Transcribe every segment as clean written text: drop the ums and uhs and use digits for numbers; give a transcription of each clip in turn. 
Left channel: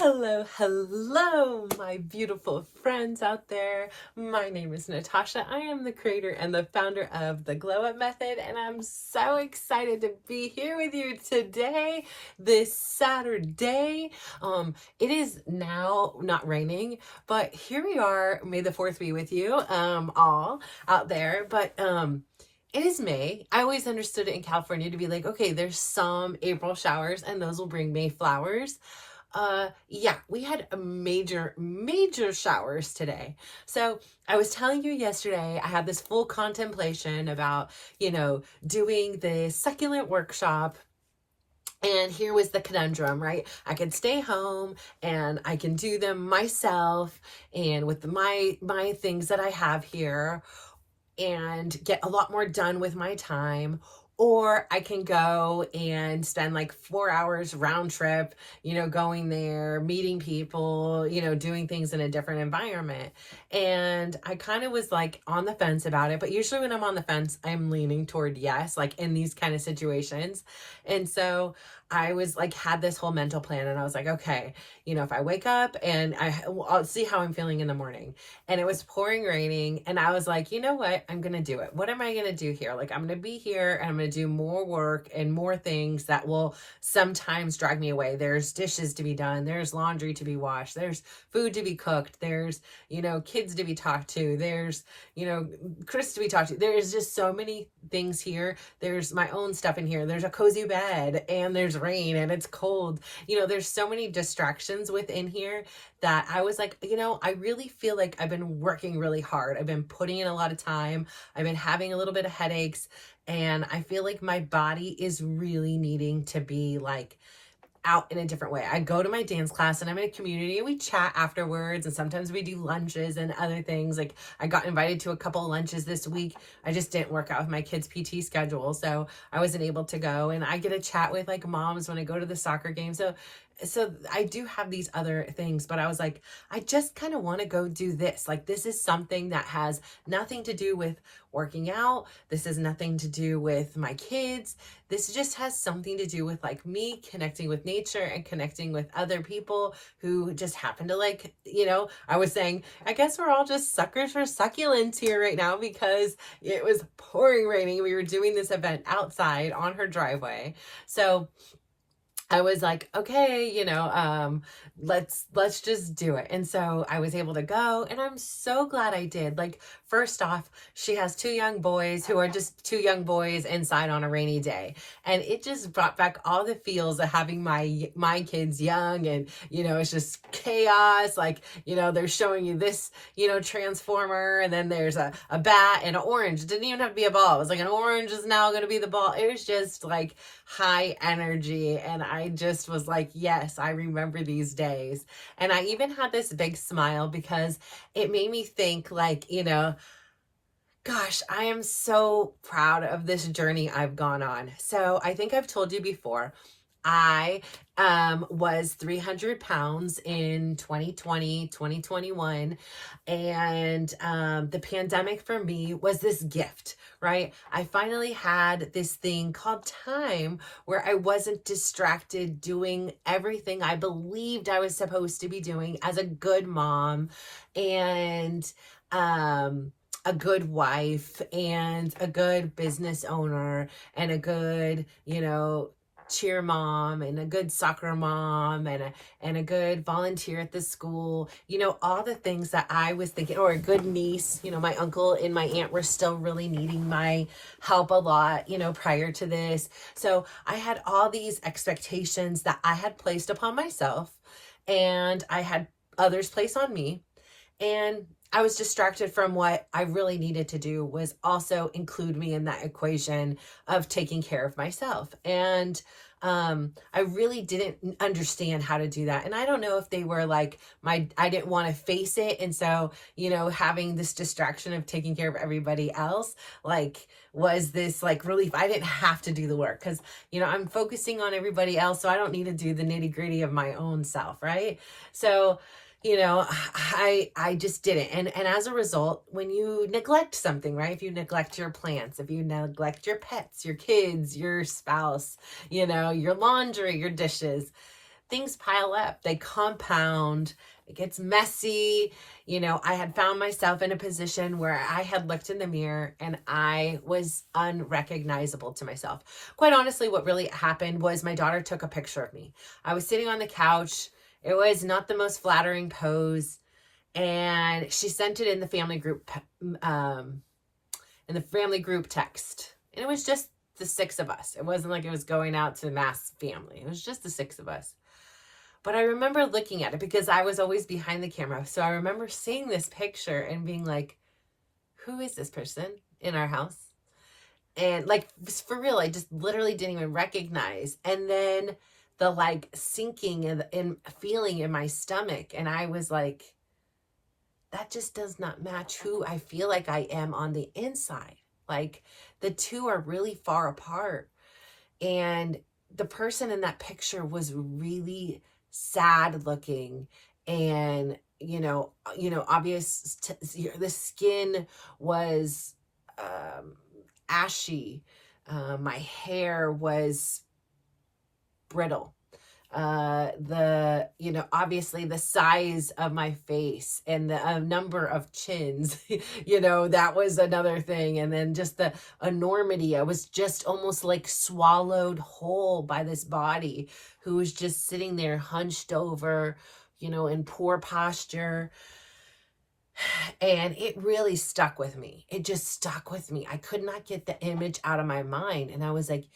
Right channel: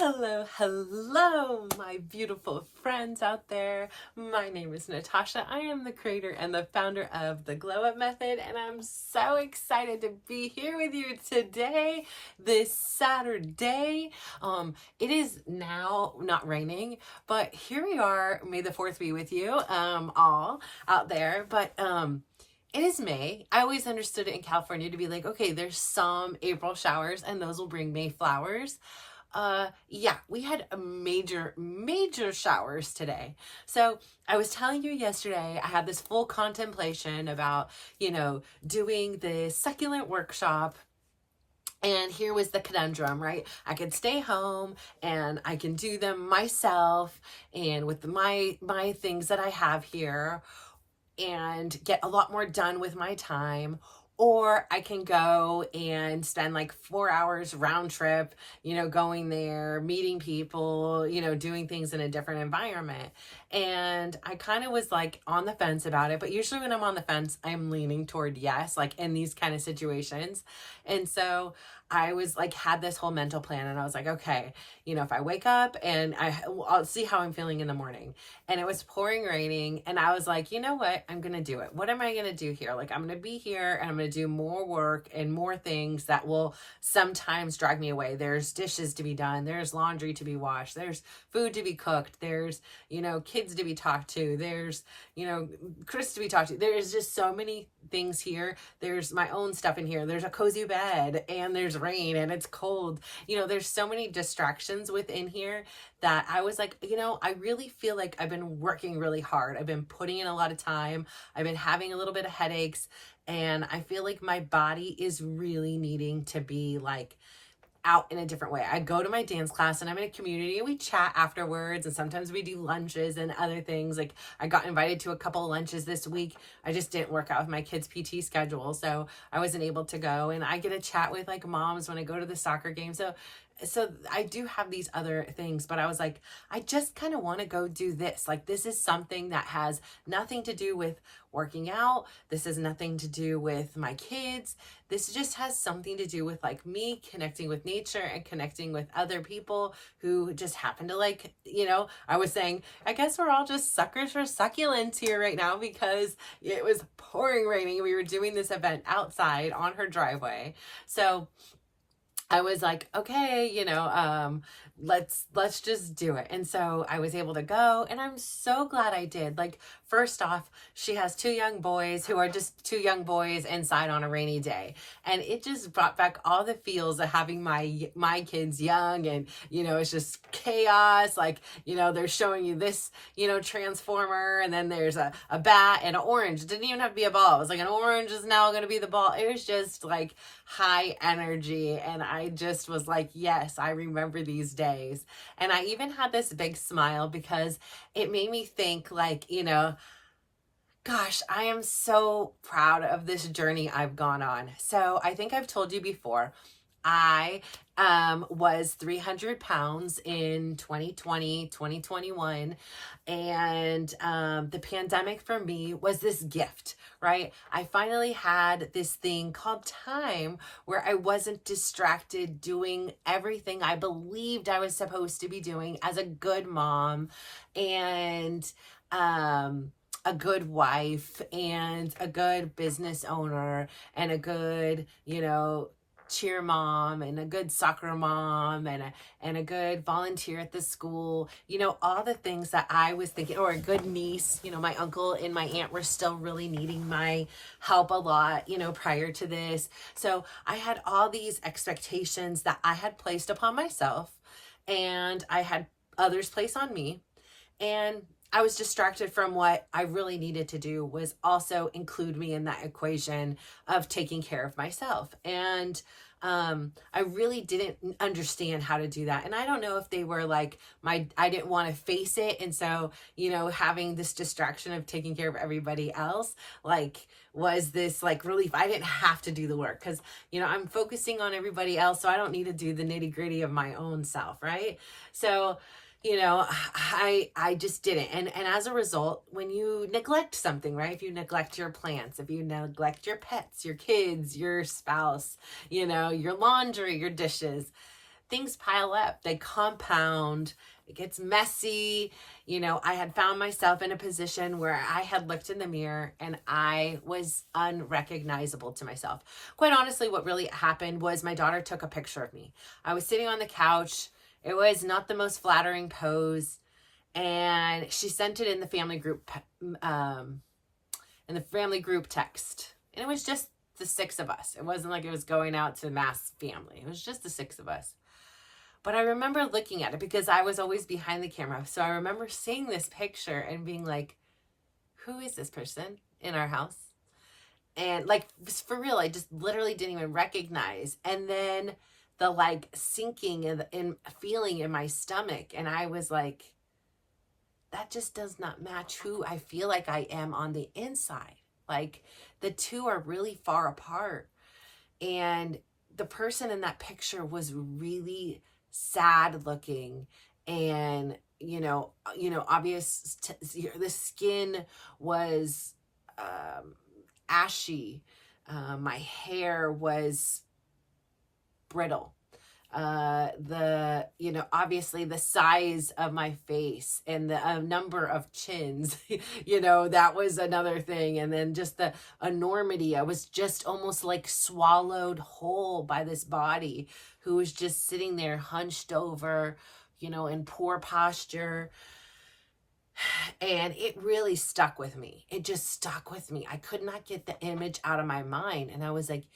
Hello, hello, my beautiful friends out there. My name is Natasha. I am the creator and the founder of the Glow Up Method, and I'm so excited to be here with you today, this Saturday. It is now not raining, but here we are. May the 4th be with you, all out there. But it is May. I always understood it in California to be like, okay, there's some April showers, and those will bring May flowers. Yeah, we had a major showers today. So I was telling you yesterday, I had this full contemplation about, doing the succulent workshop. And here was the conundrum, right? I could stay home and I can do them myself and with my things that I have here and get a lot more done with my time. Or I can go and spend like 4 hours round trip, going there, meeting people, doing things in a different environment. And I kind of was like on the fence about it. But usually when I'm on the fence, I'm leaning toward yes, like in these kind of situations. And so I was like, had this whole mental plan and I was like, okay, if I wake up and I'll see how I'm feeling in the morning. And it was pouring raining and I was like, you know what, I'm going to do it. What am I going to do here? Like, I'm going to be here and I'm going to do more work and more things that will sometimes drag me away. There's dishes to be done. There's laundry to be washed. There's food to be cooked. There's, kids to be talked to. There's, Chris to be talked to. There's just so many things here. There's my own stuff in here. There's a cozy bed and there's rain and it's cold. There's so many distractions within here that I was like, I really feel like I've been working really hard. I've been putting in a lot of time. I've been having a little bit of headaches and I feel like my body is really needing to be like out in a different way. I go to my dance class and I'm in a community and we chat afterwards and sometimes we do lunches and other things. Like I got invited to a couple of lunches this week. I just didn't work out with my kids' PT schedule, so I wasn't able to go, and I get to chat with like moms when I go to the soccer game. So I do have these other things, but I was like, I just kind of want to go do this. Like, this is something that has nothing to do with working out. This has nothing to do with my kids. This just has something to do with like me connecting with nature and connecting with other people who just happen to like, I was saying, I guess we're all just suckers for succulents here right now because it was pouring raining. We were doing this event outside on her driveway. So I was like, okay, let's just do it. And so I was able to go and I'm so glad I did. Like, first off, she has 2 young boys who are just 2 young boys inside on a rainy day. And it just brought back all the feels of having my kids young and, it's just chaos. Like, they're showing you this, transformer and then there's a bat and an orange. It didn't even have to be a ball. It was like an orange is now going to be the ball. It was just like high energy. And I just was like, yes, I remember these days. And I even had this big smile because it made me think like, gosh, I am so proud of this journey I've gone on. So I think I've told you before, I was 300 pounds in 2020, 2021. And the pandemic for me was this gift, right? I finally had this thing called time where I wasn't distracted doing everything I believed I was supposed to be doing as a good mom and a good wife and a good business owner and a good, cheer mom and a good soccer mom and a good volunteer at the school, all the things that I was thinking, or a good niece. My uncle and my aunt were still really needing my help a lot, prior to this. So I had all these expectations that I had placed upon myself and I had others place on me. And I was distracted from what I really needed to do was also include me in that equation of taking care of myself. And I really didn't understand how to do that. And I don't know if they were like I didn't want to face it. And so, having this distraction of taking care of everybody else, like, was this like relief. I didn't have to do the work because, I'm focusing on everybody else. So I don't need to do the nitty gritty of my own self. Right. So, I just didn't. And as a result, when you neglect something, right? If you neglect your plants, if you neglect your pets, your kids, your spouse, your laundry, your dishes, things pile up, they compound, it gets messy. You know, I had found myself in a position where I had looked in the mirror and I was unrecognizable to myself. Quite honestly, what really happened was my daughter took a picture of me. I was sitting on the couch. It was not the most flattering pose. And she sent it in the family group, text. And it was just the 6 of us. It wasn't like it was going out to mass family. It was just the 6 of us. But I remember looking at it because I was always behind the camera. So I remember seeing this picture and being like, who is this person in our house? And like, for real, I just literally didn't even recognize. And then the like sinking and feeling in my stomach. And I was like, that just does not match who I feel like I am on the inside. Like, the two are really far apart. And the person in that picture was really sad looking, and obvious. The skin was ashy. My hair was brittle. Obviously the size of my face and the number of chins, that was another thing. And then just the enormity. I was just almost like swallowed whole by this body who was just sitting there hunched over, in poor posture. And it really stuck with me. It just stuck with me. I could not get the image out of my mind. And I was like,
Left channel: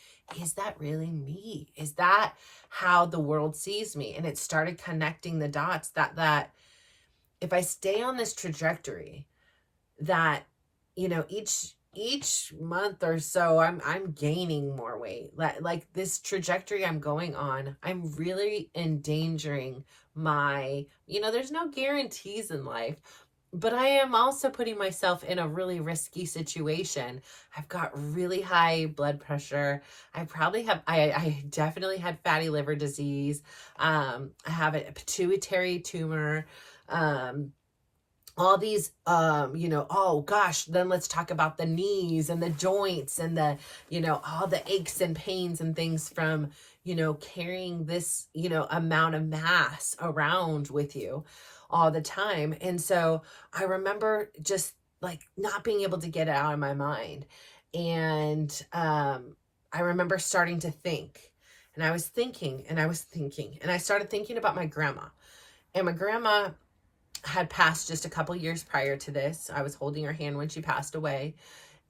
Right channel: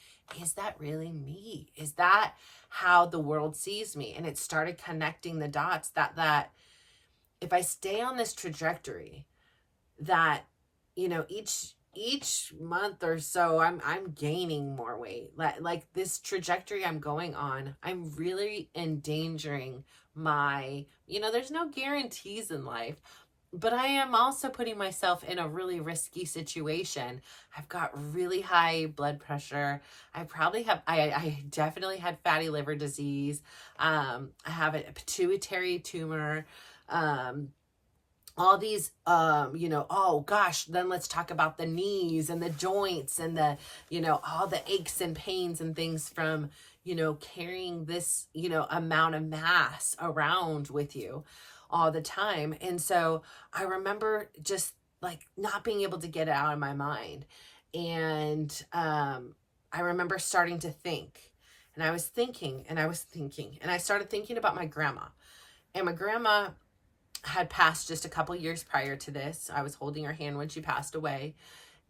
is that really me? Is that how the world sees me? And it started connecting the dots that if I stay on this trajectory, that, each month or so, I'm gaining more weight. Like this trajectory I'm going on, I'm really endangering my, there's no guarantees in life, but I am also putting myself in a really risky situation. I've got really high blood pressure. I definitely had fatty liver disease. I have a pituitary tumor. All these, oh gosh, then let's talk about the knees and the joints and the, all the aches and pains and things from, carrying this, amount of mass around with you all the time. And so I remember just like not being able to get it out of my mind. And I remember starting to think, and I was thinking, and I started thinking about my grandma. And my grandma had passed just a couple years prior to this. I was holding her hand when she passed away.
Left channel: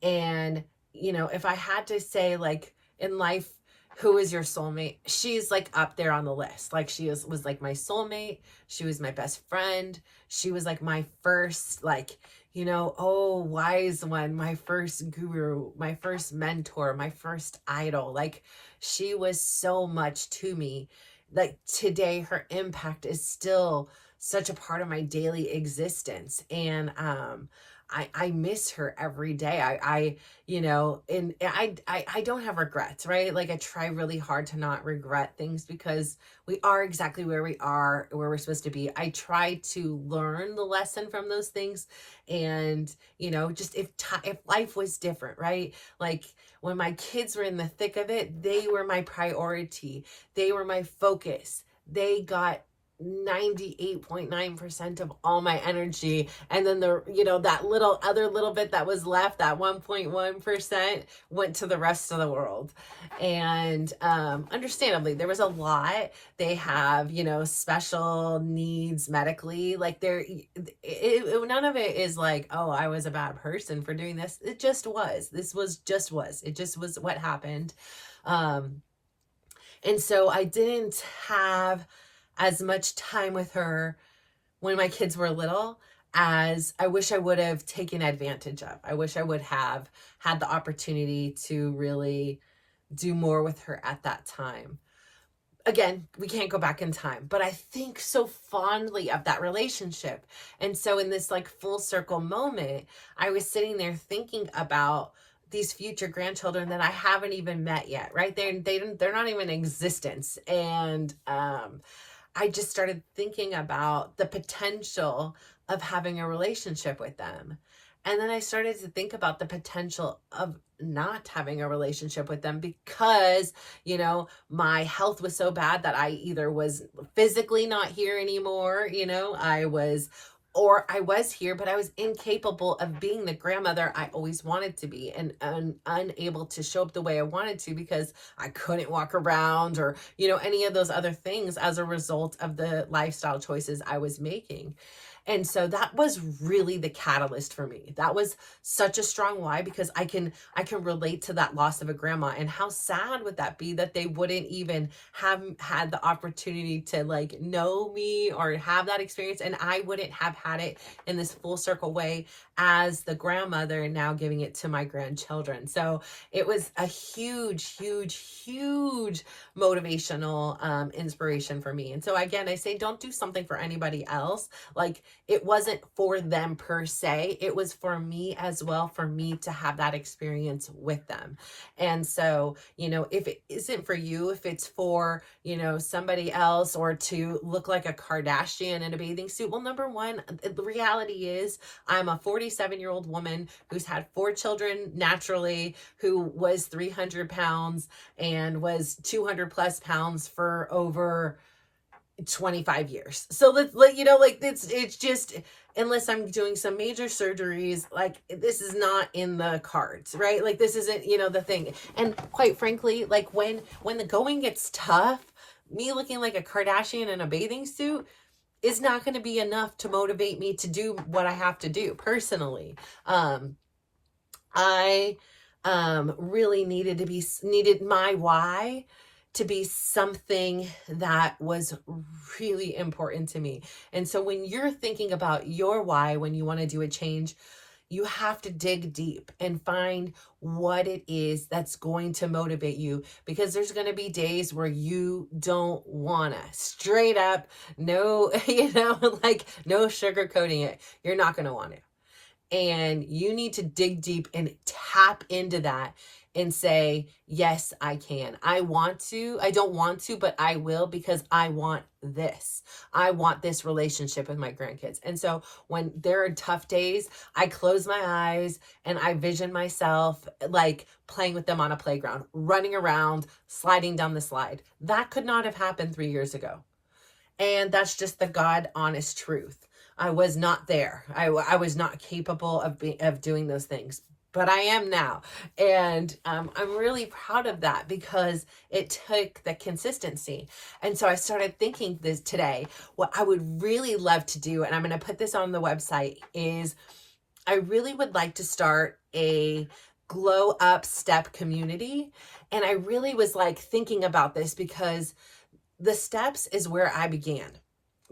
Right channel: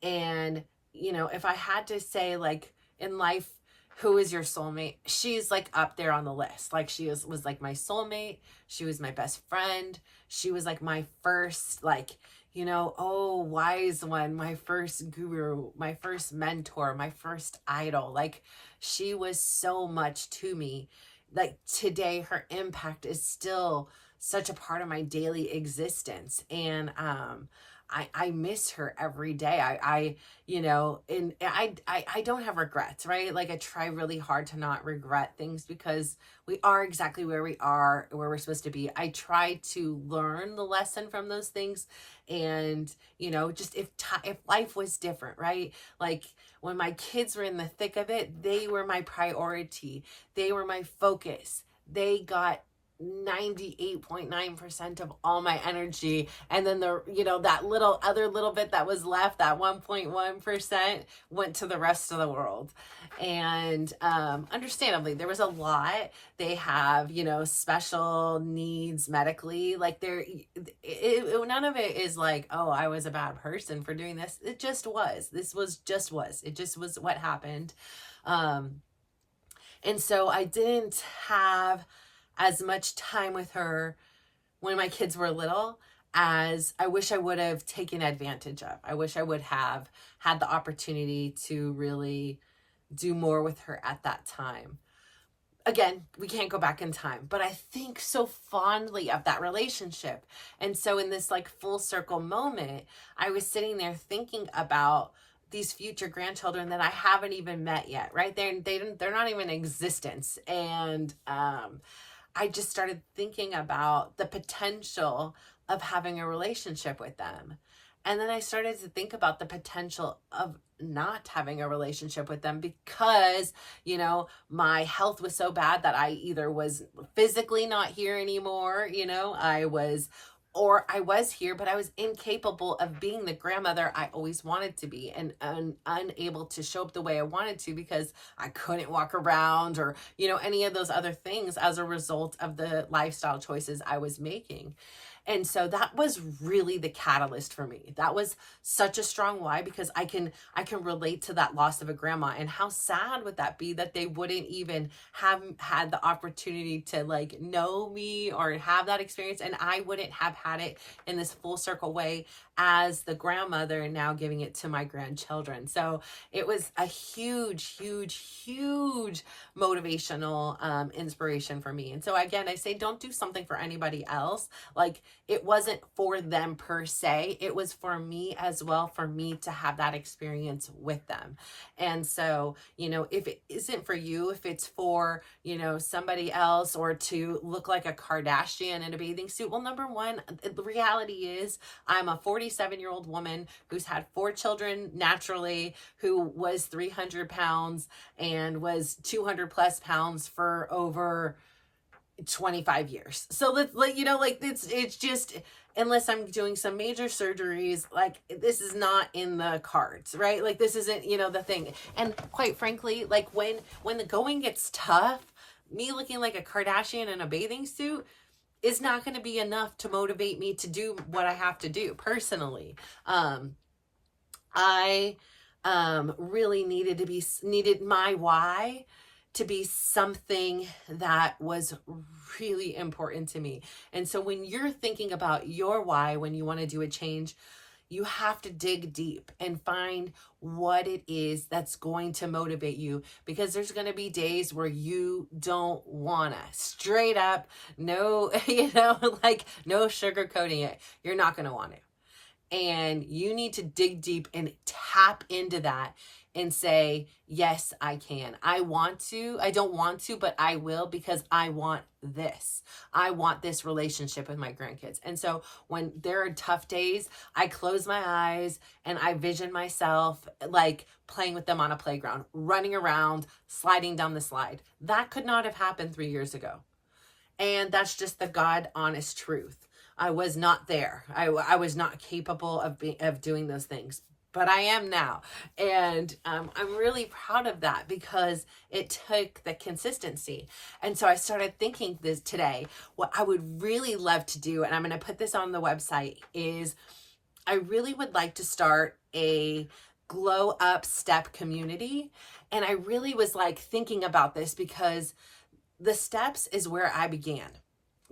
And, if I had to say, like, in life, who is your soulmate? She's like up there on the list. Like, she was like my soulmate. She was my best friend. She was like my first, like, wise one, my first guru, my first mentor, my first idol. Like, she was so much to me. Like, today, her impact is still such a part of my daily existence. And I miss her every day. I don't have regrets, right? Like, I try really hard to not regret things because we are exactly where we are, where we're supposed to be. I try to learn the lesson from those things. And, just if life was different, right? Like, when my kids were in the thick of it, they were my priority. They were my focus. They got 98.9% of all my energy. And then that little bit that was left, that 1.1% went to the rest of the world. And understandably, there was a lot. They have, special needs medically. Like, none of it is like, oh, I was a bad person for doing this. It just was. It just was what happened. And so I didn't have as much time with her when my kids were little as I wish I would have taken advantage of. I wish I would have had the opportunity to really do more with her at that time. Again, we can't go back in time, but I think so fondly of that relationship. And so in this like full circle moment, I was sitting there thinking about these future grandchildren that I haven't even met yet, right? They're not even in existence. And I just started thinking about the potential of having a relationship with them. And then I started to think about the potential of not having a relationship with them because, my health was so bad that I either was physically not here anymore, or I was here, but I was incapable of being the grandmother I always wanted to be, and unable to show up the way I wanted to because I couldn't walk around or, any of those other things as a result of the lifestyle choices I was making. And so that was really the catalyst for me. That was such a strong why, because I can relate to that loss of a grandma, and how sad would that be that they wouldn't even have had the opportunity to like know me or have that experience, and I wouldn't have had it in this full circle way as the grandmother and now giving it to my grandchildren. So it was a huge, huge, huge motivational inspiration for me. And so again, I say, don't do something for anybody else. Like, it wasn't for them per se. It was for me as well, for me to have that experience with them. And so, if it isn't for you, if it's for, somebody else, or to look like a Kardashian in a bathing suit, well, number one, the reality is I'm a 47-year-old woman who's had 4 children naturally, who was 300 pounds and was 200 plus pounds for over 25 years. So it's just, unless I'm doing some major surgeries, like, this is not in the cards, right? Like, this isn't, the thing. And quite frankly, like, when the going gets tough, me looking like a Kardashian in a bathing suit is not going to be enough to motivate me to do what I have to do personally. I really needed my why to be something that was really important to me. And so when you're thinking about your why, when you want to do a change, you have to dig deep and find what it is that's going to motivate you, because there's going to be days where you don't want to, straight up, no, no sugarcoating it. You're not going to want it. And you need to dig deep and tap into that and say, yes, I can. I don't want to, but I will, because I want this. I want this relationship with my grandkids. And so when there are tough days, I close my eyes and I vision myself like playing with them on a playground, running around, sliding down the slide. That could not have happened 3 years ago. And that's just the God honest truth. I was not there. I was not capable of doing those things. But I am now. And I'm really proud of that, because it took the consistency. And so I started thinking this today, what I would really love to do, and I'm going to put this on the website, is I really would like to start a glow up step community. And I really was like thinking about this, because the steps is where I began.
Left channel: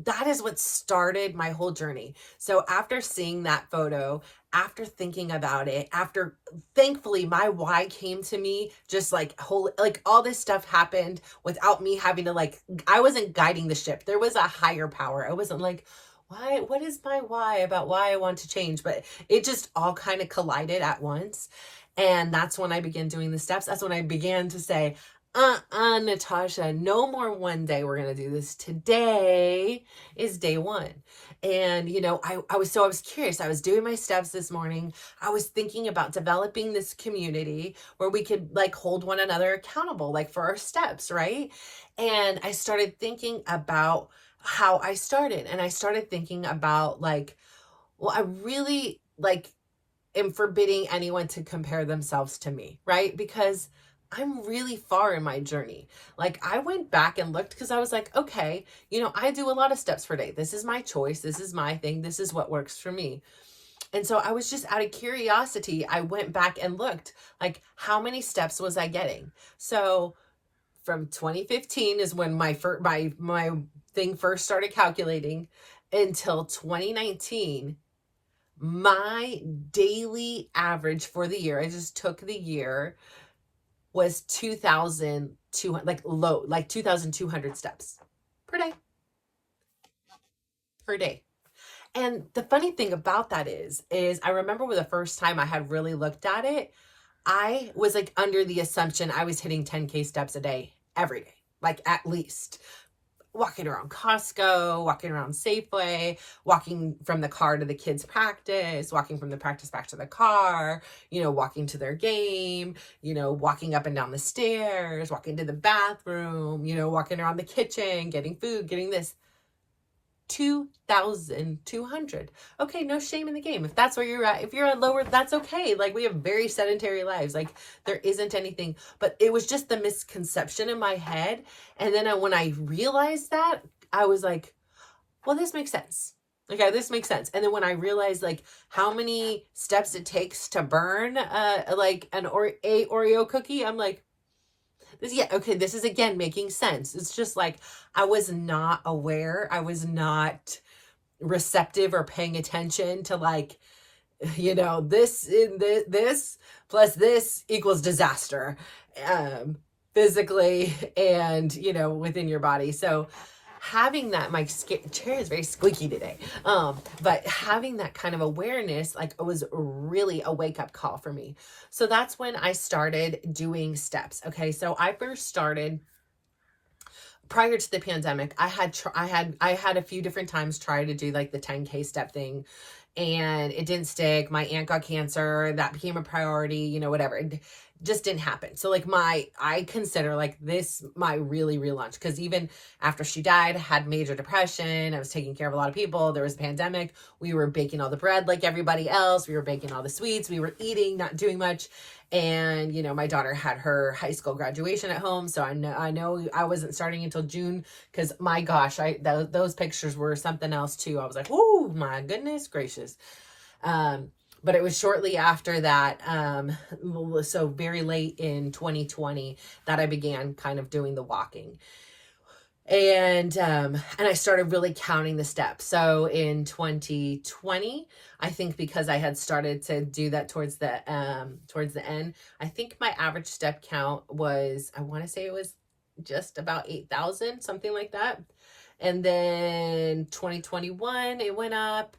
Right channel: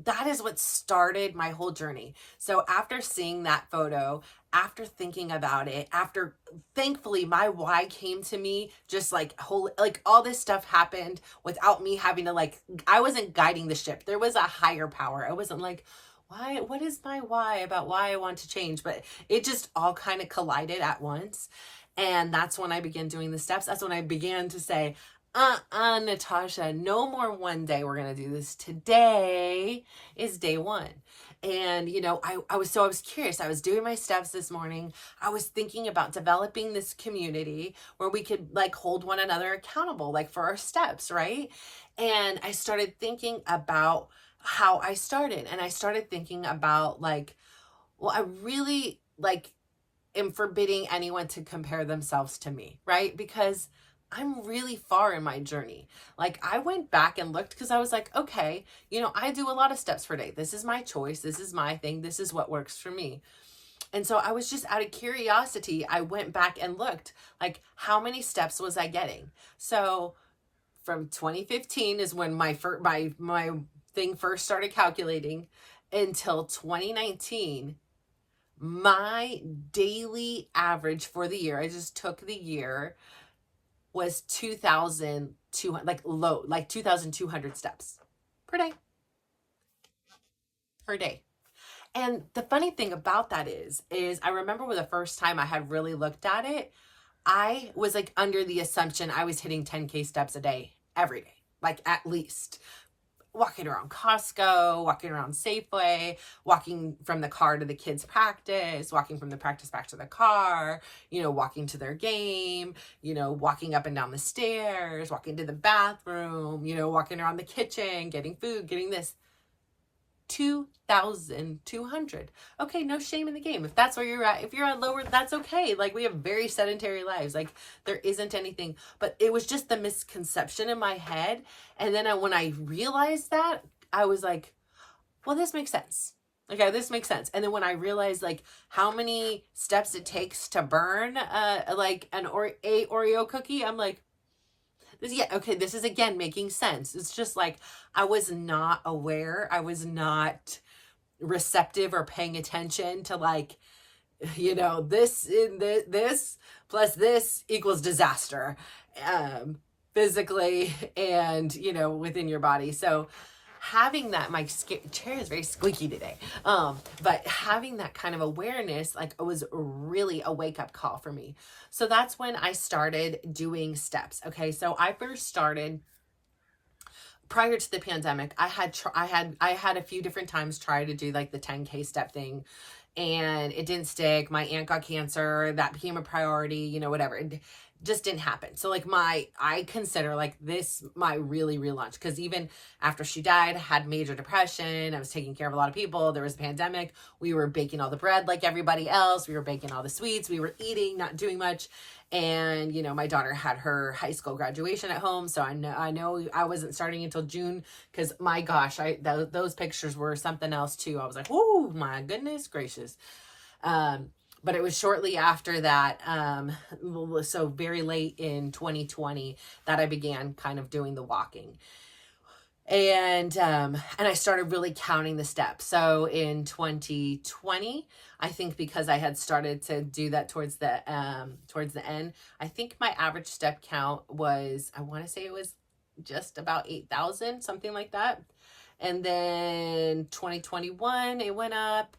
That is what started my whole journey. So after seeing that photo, after thinking about it, after, thankfully, my why came to me, just like all this stuff happened without me having to I wasn't guiding the ship. There was a higher power. I wasn't like, what is my why about why I want to change? But it just all kind of collided at once. And that's when I began doing the steps. That's when I began to say, Natasha, no more one day we're going to do this. Today is day one. And, I was curious. I was doing my steps this morning. I was thinking about developing this community where we could hold one another accountable, for our steps. Right. And I started thinking about how I started, and I started thinking about I really am forbidding anyone to compare themselves to me. Right. Because I'm really far in my journey. I went back and looked, because I was like, okay, I do a lot of steps per day. This is my choice. This is my thing. This is what works for me. And so I was just out of curiosity. I went back and looked, how many steps was I getting? So from 2015 is when my thing first started calculating, until 2019, my daily average for the year, I just took the year, was 2,200, 2,200 steps per day. And the funny thing about that is I remember the first time I had really looked at it, I was under the assumption I was hitting 10K steps a day, every day, at least. walking around Costco, walking around Safeway, walking from the car to the kids' practice, walking from the practice back to the car, walking to their game, walking up and down the stairs, walking to the bathroom, walking around the kitchen, getting food, getting this. 2,200. Okay, no shame in the game. If that's where you're at, if you're at lower, that's okay. Like, we have very sedentary lives. Like, there isn't anything, but it was just the misconception in my head. And then when I realized that, I was like, well, this makes sense. Okay, this makes sense. And then when I realized like how many steps it takes to burn like a Oreo cookie, I'm like, this is again making sense. It's just like I was not aware. I was not receptive or paying attention to like, this plus this equals disaster, physically and, within your body. So having that, my chair is very squeaky today. But having that kind of awareness, like, it was really a wake up call for me. So that's when I started doing steps. Okay. So I first started prior to the pandemic. I had a few different times try to do like the 10K step thing, and it didn't stick. My aunt got cancer. That became a priority, whatever. It just didn't happen. So like I consider like this my really relaunch, because even after she died, I had major depression. I was taking care of a lot of people. There was a pandemic. We were baking all the bread like everybody else. We were baking all the sweets. We were eating, not doing much. And, my daughter had her high school graduation at home. So I know I wasn't starting until June, because my gosh, those pictures were something else too. I was like, oh my goodness gracious. But it was shortly after that, so very late in 2020, that I began kind of doing the walking. And I started really counting the steps. So in 2020, I think because I had started to do that towards the end, I think my average step count was, I want to say it was just about 8,000, something like that. And then 2021, it went up.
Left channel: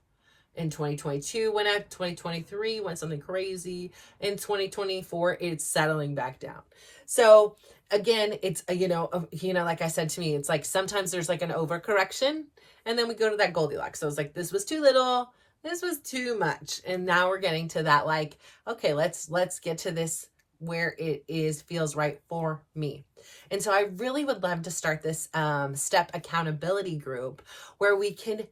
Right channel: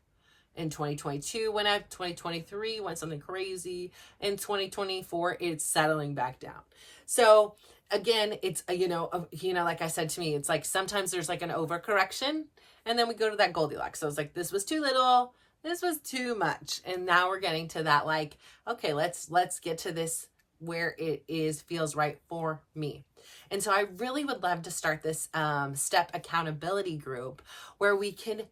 In 2022 went up, 2023 went something crazy. In 2024, it's settling back down. So again, it's, like I said, to me, it's like sometimes there's like an overcorrection, and then we go to that Goldilocks. So it's like, this was too little, this was too much. And now we're getting to that, like, okay, let's get to this where it feels right for me. And so I really would love to start this step accountability group where we can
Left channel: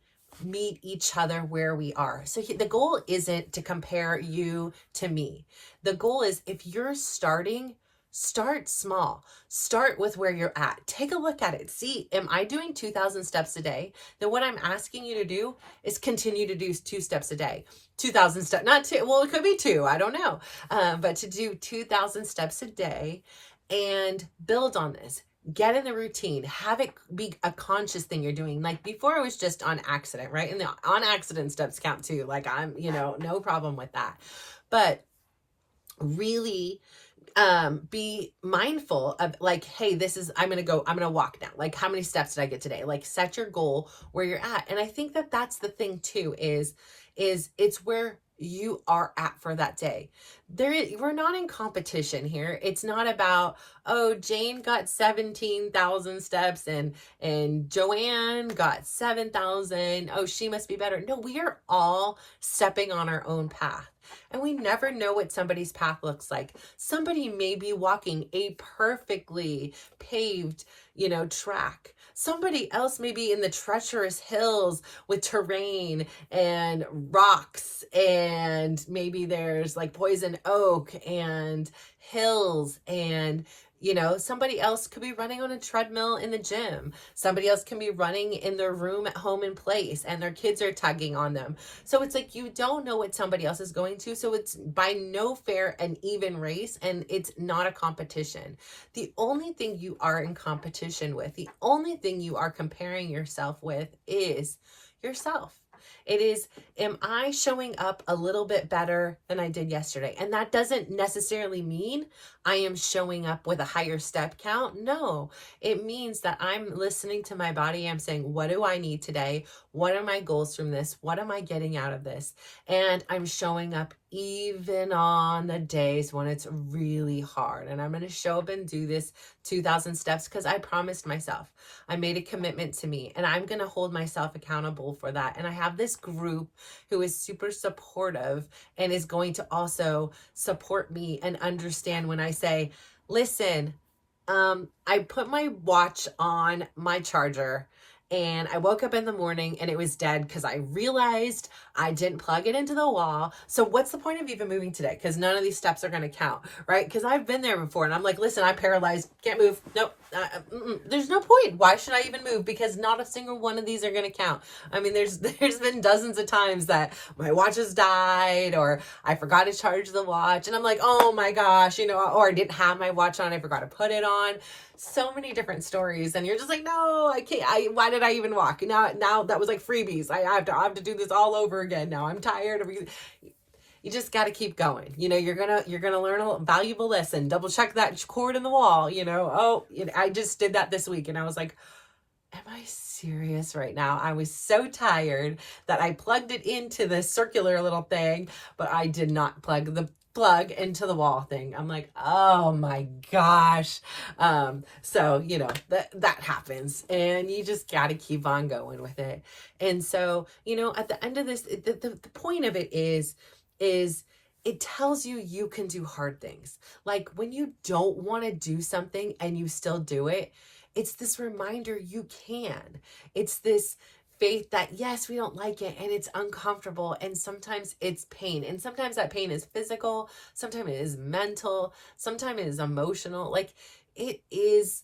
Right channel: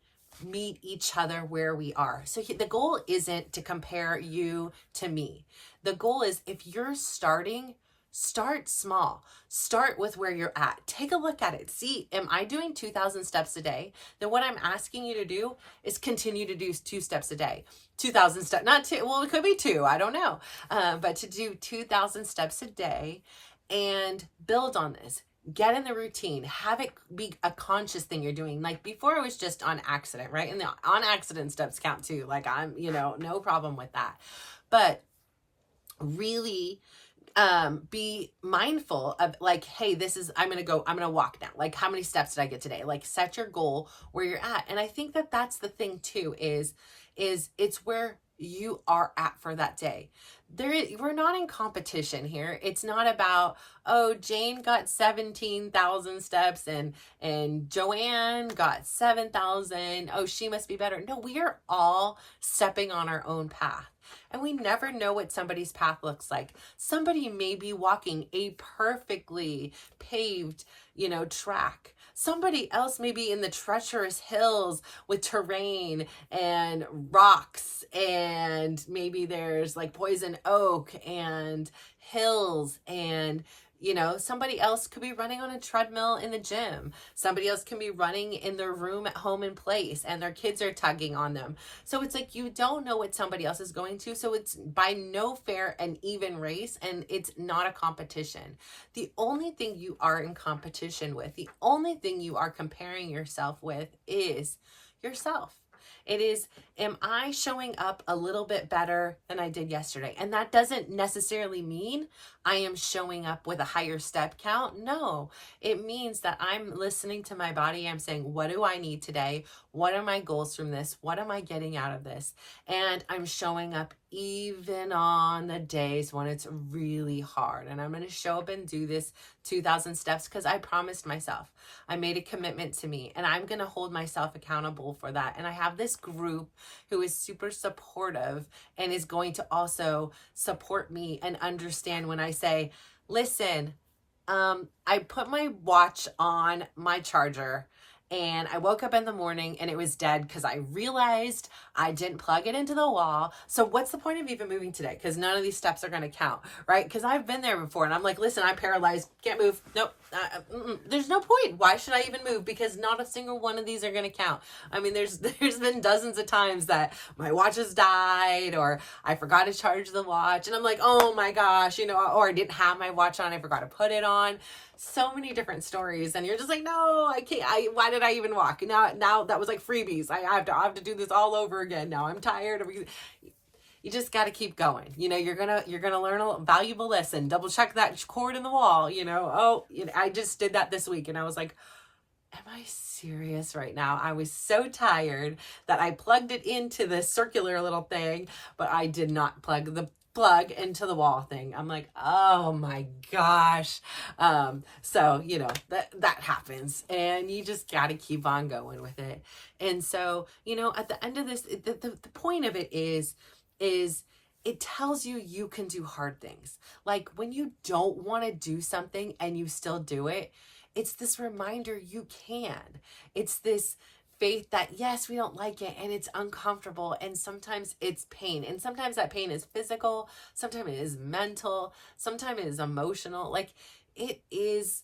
meet each other where we are. So the goal isn't to compare you to me. The goal is, if you're starting, start small. Start with where you're at. Take a look at it. See, am I doing 2,000 steps a day? Then what I'm asking you to do is continue to do 2 steps a day. 2,000 steps, not 2. Well, it could be 2. I don't know. But to do 2,000 steps a day and build on this. Get in the routine, have it be a conscious thing you're doing. Like before, it was just on accident, right? And the on accident steps count too. Like I'm, no problem with that. But really be mindful of like, hey, I'm going to walk now. Like, how many steps did I get today? Like, set your goal where you're at. And I think that that's the thing too, is it's where you are at for that day. We're not in competition here. It's not about, oh, Jane got 17,000 steps and Joanne got 7,000. Oh, she must be better. No, we are all stepping on our own path. And we never know what somebody's path looks like. Somebody may be walking a perfectly paved, track. Somebody else may be in the treacherous hills with terrain and rocks, and maybe there's like poison oak and hills, and somebody else could be running on a treadmill in the gym. Somebody else can be running in their room at home in place, and their kids are tugging on them. So it's like, you don't know what somebody else is going to. So it's by no fair and even race, and it's not a competition. The only thing you are in competition with, the only thing you are comparing yourself with is yourself. It is, am I showing up a little bit better than I did yesterday? And that doesn't necessarily mean I am showing up with a higher step count. No, it means that I'm listening to my body. I'm saying, what do I need today? What are my goals from this? What am I getting out of this? And I'm showing up even on the days when it's really hard. And I'm going to show up and do this 2,000 steps because I promised myself. I made a commitment to me, and I'm going to hold myself accountable for that. And I have this group who is super supportive and is going to also support me and understand when I say, listen, I put my watch on my charger and I woke up in the morning and it was dead because I realized I didn't plug it into the wall. So what's the point of even moving today? Because none of these steps are going to count, right? Because I've been there before and I'm like, listen, I'm paralyzed. Can't move. Nope. There's no point. Why should I even move? Because not a single one of these are going to count. I mean, there's been dozens of times that my watch has died or I forgot to charge the watch. And I'm like, oh my gosh, or I didn't have my watch on. I forgot to put it on. So many different stories, and you're just like, no, I can't. Why did I even walk? Now that was like freebies. I have to do this all over again. Now I'm tired of. You just got to keep going. You're gonna learn a valuable lesson. Double check that cord in the wall. I just did that this week, and I was like, am I serious right now? I was so tired that I plugged it into the circular little thing, but I did not plug the plug into the wall thing. I'm like, oh my gosh. So that happens, and you just got to keep on going with it. And so, at the end of this, the point of it is it tells you can do hard things. Like when you don't want to do something and you still do it, it's this reminder you can. It's this faith that yes, we don't like it and it's uncomfortable and sometimes it's pain. And sometimes that pain is physical, sometimes it is mental, sometimes it is emotional. Like it is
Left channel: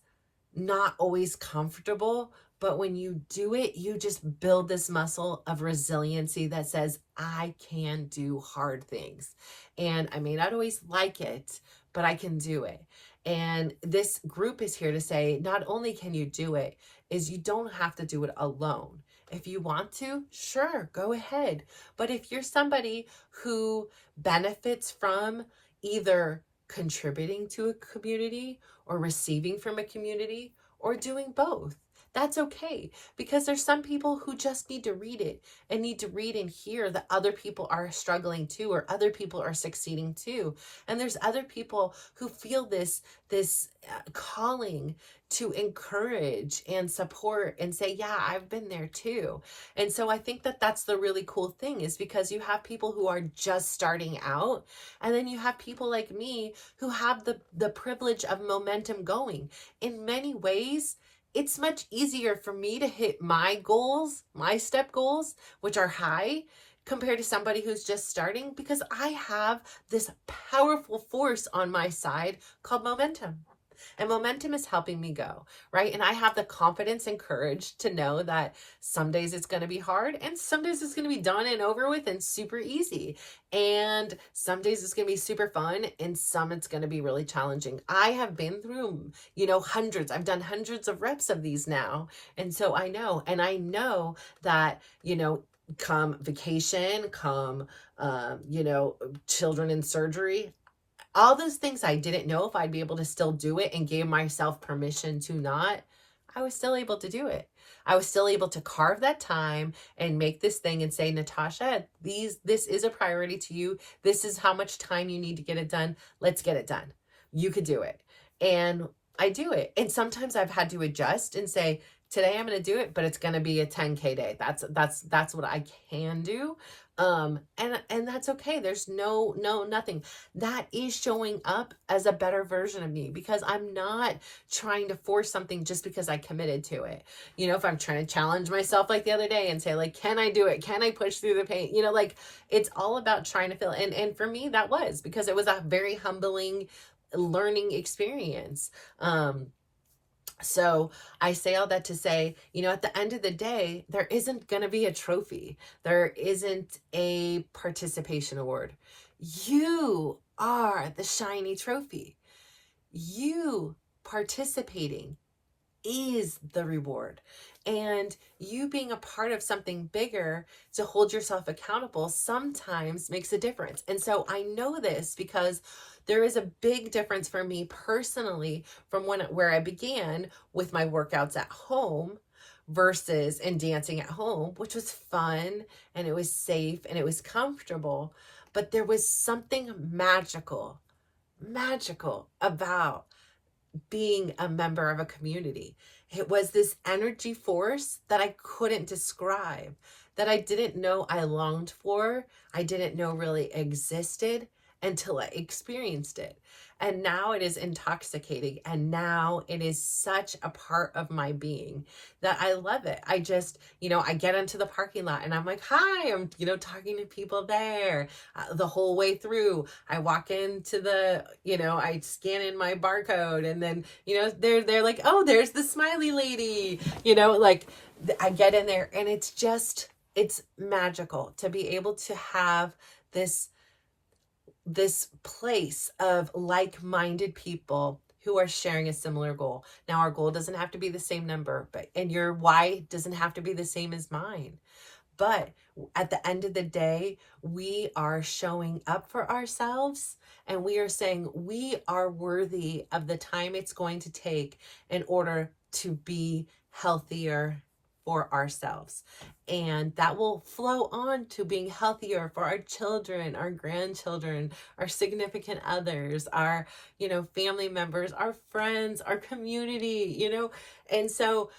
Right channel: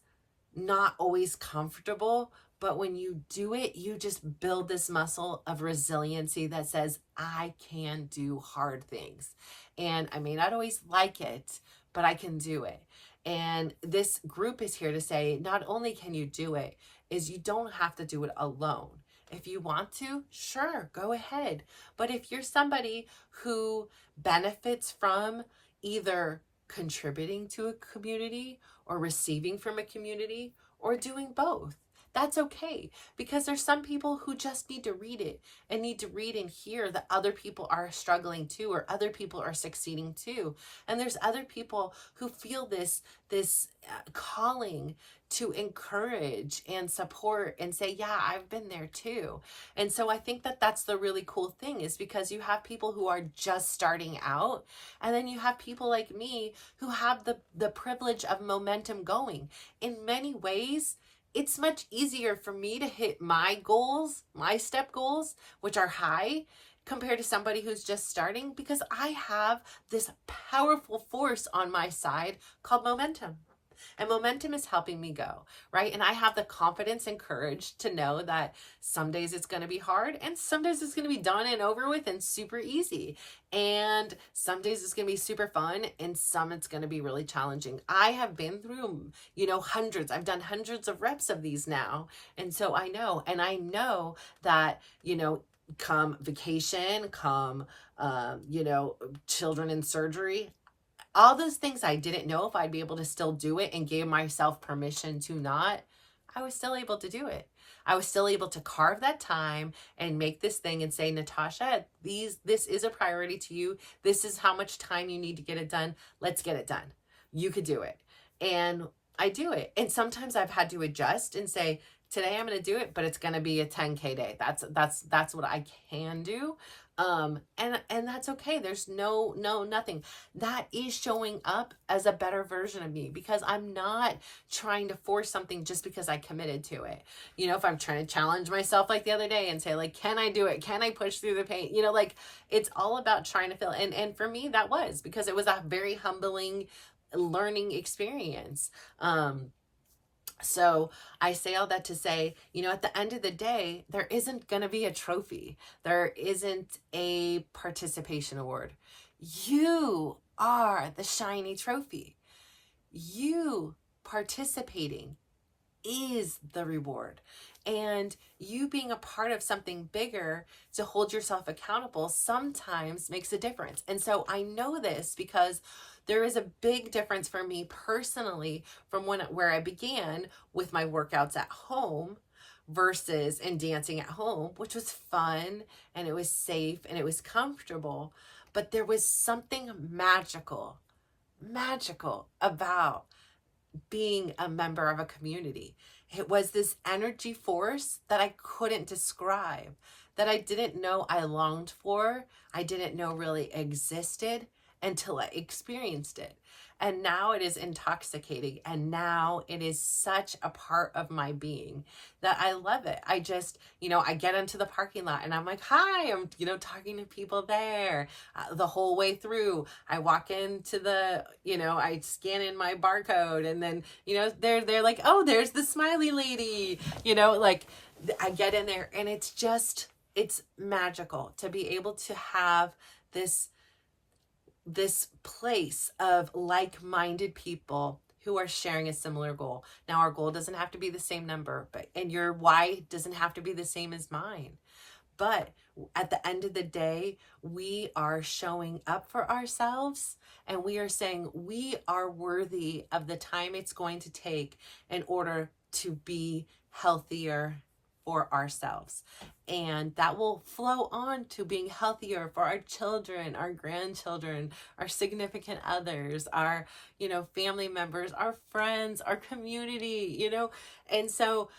not always comfortable, but when you do it, you just build this muscle of resiliency that says, I can do hard things. And I may not always like it, but I can do it. And this group is here to say, not only can you do it, is you don't have to do it alone. If you want to, sure, go ahead. But if you're somebody who benefits from either contributing to a community or receiving from a community or doing both, that's okay, because there's some people who just need to read it and need to read and hear that other people are struggling too, or other people are succeeding too. And there's other people who feel this calling to encourage and support and say, yeah, I've been there too. And so I think that that's the really cool thing, is because you have people who are just starting out, and then you have people like me who have the privilege of momentum going. In many ways, it's much easier for me to hit my goals, my step goals, which are high, compared to somebody who's just starting, because I have this powerful force on my side called momentum. And momentum is helping me go, right? And I have the confidence and courage to know that some days it's going to be hard and some days it's going to be done and over with and super easy. And some days it's going to be super fun and some it's going to be really challenging. I have been through, hundreds. I've done hundreds of reps of these now. And so I know that, come vacation, come, children in surgery, all those things I didn't know if I'd be able to still do it and gave myself permission to not, I was still able to do it. I was still able to carve that time and make this thing and say, Natasha, this is a priority to you. This is how much time you need to get it done. Let's get it done. You could do it. And I do it. And sometimes I've had to adjust and say, today I'm going to do it, but it's going to be a 10K day. That's what I can do. And that's okay. There's nothing. That is showing up as a better version of me, because I'm not trying to force something just because I committed to it. If I'm trying to challenge myself like the other day and say, like, can I do it? Can I push through the pain? It's all about trying to feel. And for me, that was because it was a very humbling learning experience. So I say all that to say, at the end of the day, there isn't going to be a trophy. There isn't a participation award. You are the shiny trophy. You participating is the reward. And you being a part of something bigger to hold yourself accountable sometimes makes a difference. And so I know this because there is a big difference for me personally from where I began with my workouts at home versus in dancing at home, which was fun and it was safe and it was comfortable. But there was something magical about being a member of a community. It was this energy force that I couldn't describe, that I didn't know I longed for. I didn't know really existed until I experienced it. And now it is intoxicating. And now it is such a part of my being that I love it. I just, I get into the parking lot and I'm like, hi, I'm, talking to people there the whole way through. I walk into I scan in my barcode and then, they're like, oh, there's the smiley lady, I get in there and it's magical to be able to have this place of like-minded people who are sharing a similar goal. Now, our goal doesn't have to be the same number, and your why doesn't have to be the same as mine. But at the end of the day, we are showing up for ourselves and we are saying we are worthy of the time it's going to take in order to be healthier for ourselves. And that will flow on to being healthier for our children, our grandchildren, our significant others, our, family members, our friends, our community, And so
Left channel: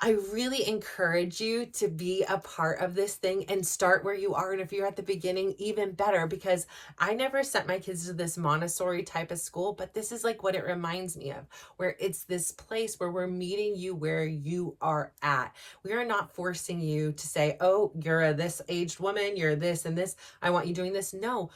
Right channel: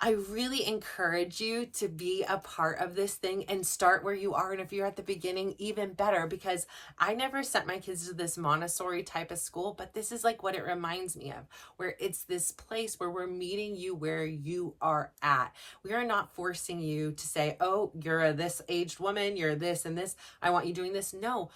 I really encourage you to be a part of this thing and start where you are. And if you're at the beginning, even better, because I never sent my kids to this Montessori type of school, but this is like what it reminds me of, where it's this place where we're meeting you where you are at. We are not forcing you to say, oh, you're this aged woman, you're this and this, I want you doing this. No.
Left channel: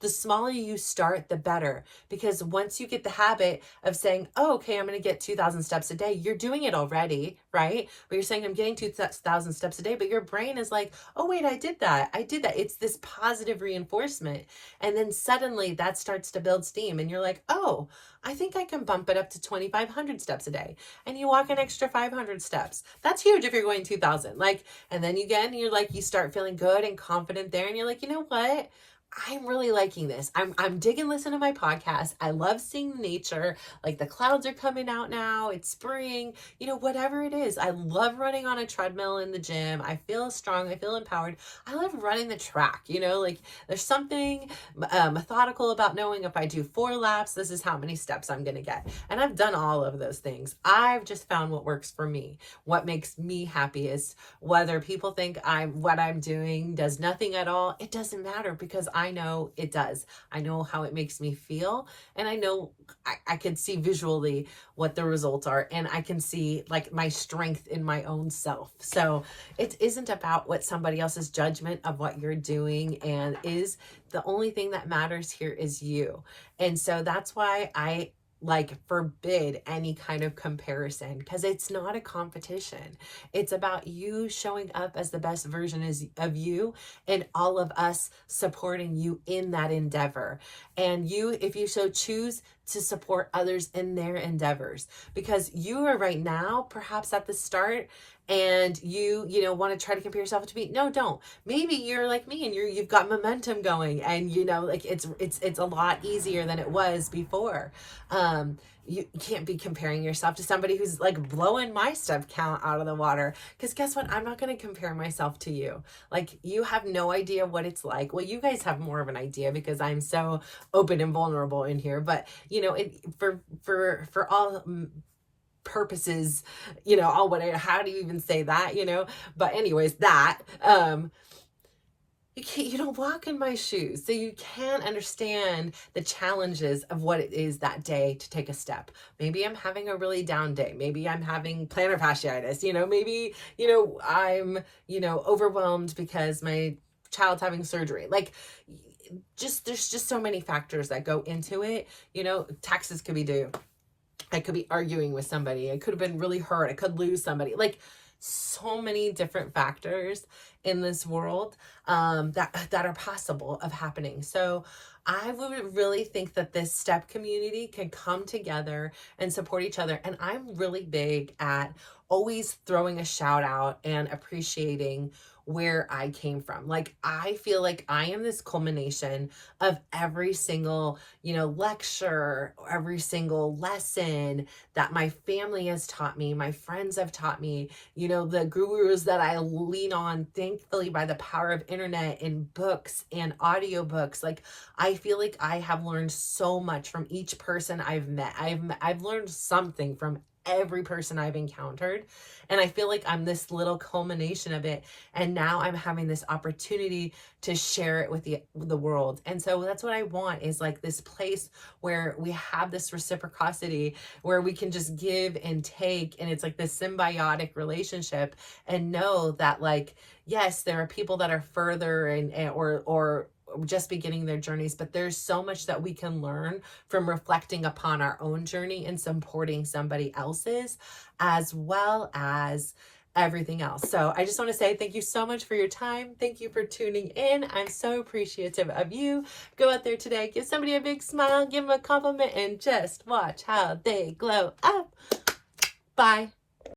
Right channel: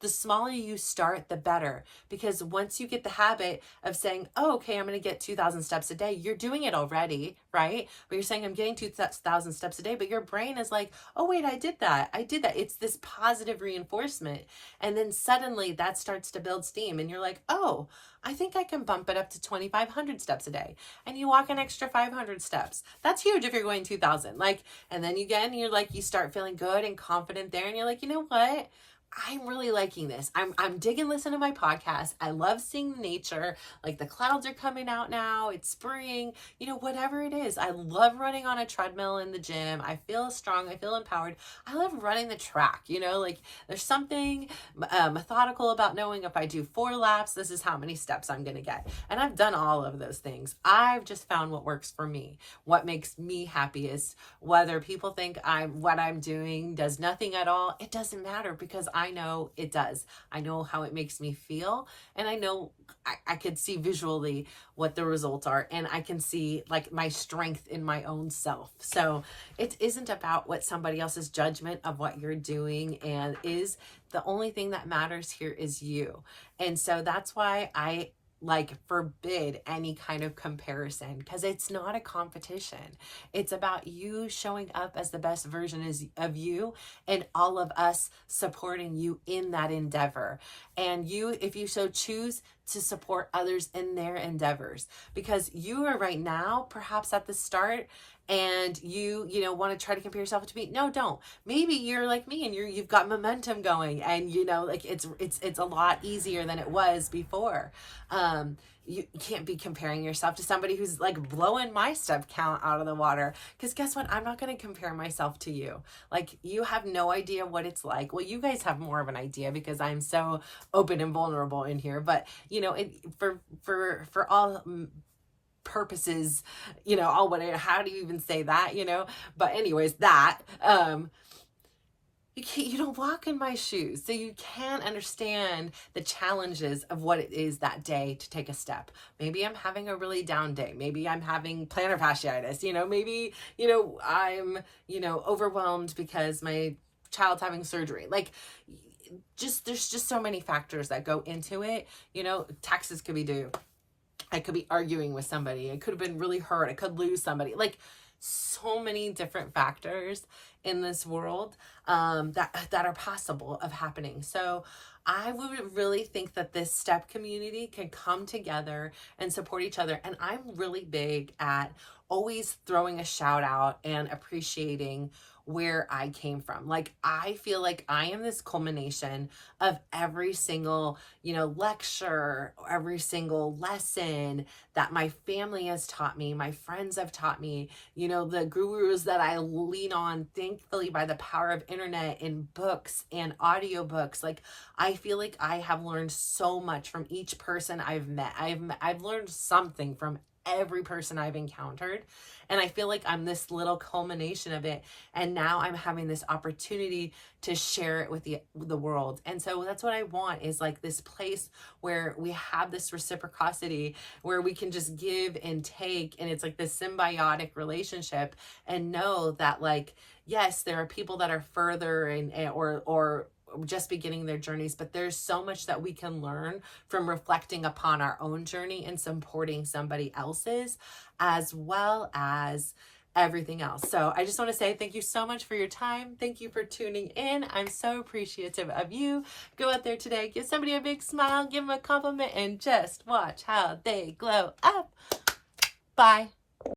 The smaller you start, the better. Because once you get the habit of saying, oh, okay, I'm going to get 2,000 steps a day, you're doing it already, right? But you're saying I'm getting 2,000 steps a day, but your brain is like, oh, wait, I did that. It's this positive reinforcement. And then suddenly that starts to build steam and you're like, oh, I think I can bump it up to 2,500 steps a day. And you walk an extra 500 steps. That's huge if you're going 2,000. And then you start feeling good and confident there. And you're like, you know what? I'm really liking this. I'm digging listening to my podcast. I love seeing nature. Like the clouds are coming out now. It's spring, whatever it is. I love running on a treadmill in the gym. I feel strong. I feel empowered. I love running the track, there's something methodical about knowing if I do 4 laps, this is how many steps I'm going to get. And I've done all of those things. I've just found what works for me. What makes me happiest, whether people think what I'm doing does nothing at all. It doesn't matter because I know it does. I know how it makes me feel. And I know I could see visually what the results are. And I can see my strength in my own self. So it isn't about what somebody else's judgment of what you're doing and is. The only thing that matters here is you. And so that's why I forbid any kind of comparison, because it's not a competition. It's about you showing up as the best version of you and all of us supporting you in that endeavor. And you, if you so choose, to support others in their endeavors, because you are right now perhaps at the start and you want to try to compare yourself to me. No, don't. Maybe you're like me and you've got momentum going and it's a lot easier than it was before. You can't be comparing yourself to somebody who's blowing my step count out of the water, because guess what? I'm not going to compare myself to you. You have no idea what it's like. Well, you guys have more of an idea because I'm so open and vulnerable in here, but for all purposes, all whatever, how do you even say that, but anyways, you don't walk in my shoes, so you can't understand the challenges of what it is that day to take a step. Maybe I'm having a really down day. Maybe I'm having plantar fasciitis, maybe, I'm, overwhelmed because my child's having surgery. There's just so many factors that go into it. Taxes could be due. I could be arguing with somebody. I could have been really hurt. I could lose somebody. So many different factors in this world that are possible of happening. So I would really think that this step community can come together and support each other. And I'm really big at always throwing a shout out and appreciating where I came from. I feel like I am this culmination of every single, lecture, every single lesson that my family has taught me, my friends have taught me, the gurus that I lean on, thankfully, by the power of internet and books and audiobooks. I feel like I have learned so much from each person I've met. I've learned something from every person I've encountered. And I feel like I'm this little culmination of it. And now I'm having this opportunity to share it with the world. And so that's what I want, is like this place where we have this reciprocity, where we can just give and take. And it's like this symbiotic relationship, and know that, like, yes, there are people that are further or just beginning their journeys, but there's so much that we can learn from reflecting upon our own journey and supporting somebody else's, as well as everything else. So I just want to say thank you so much for your time. Thank you for tuning in. I'm so appreciative of you. Go out there today, give somebody a big smile, give them a compliment, and just watch how they glow up. Bye.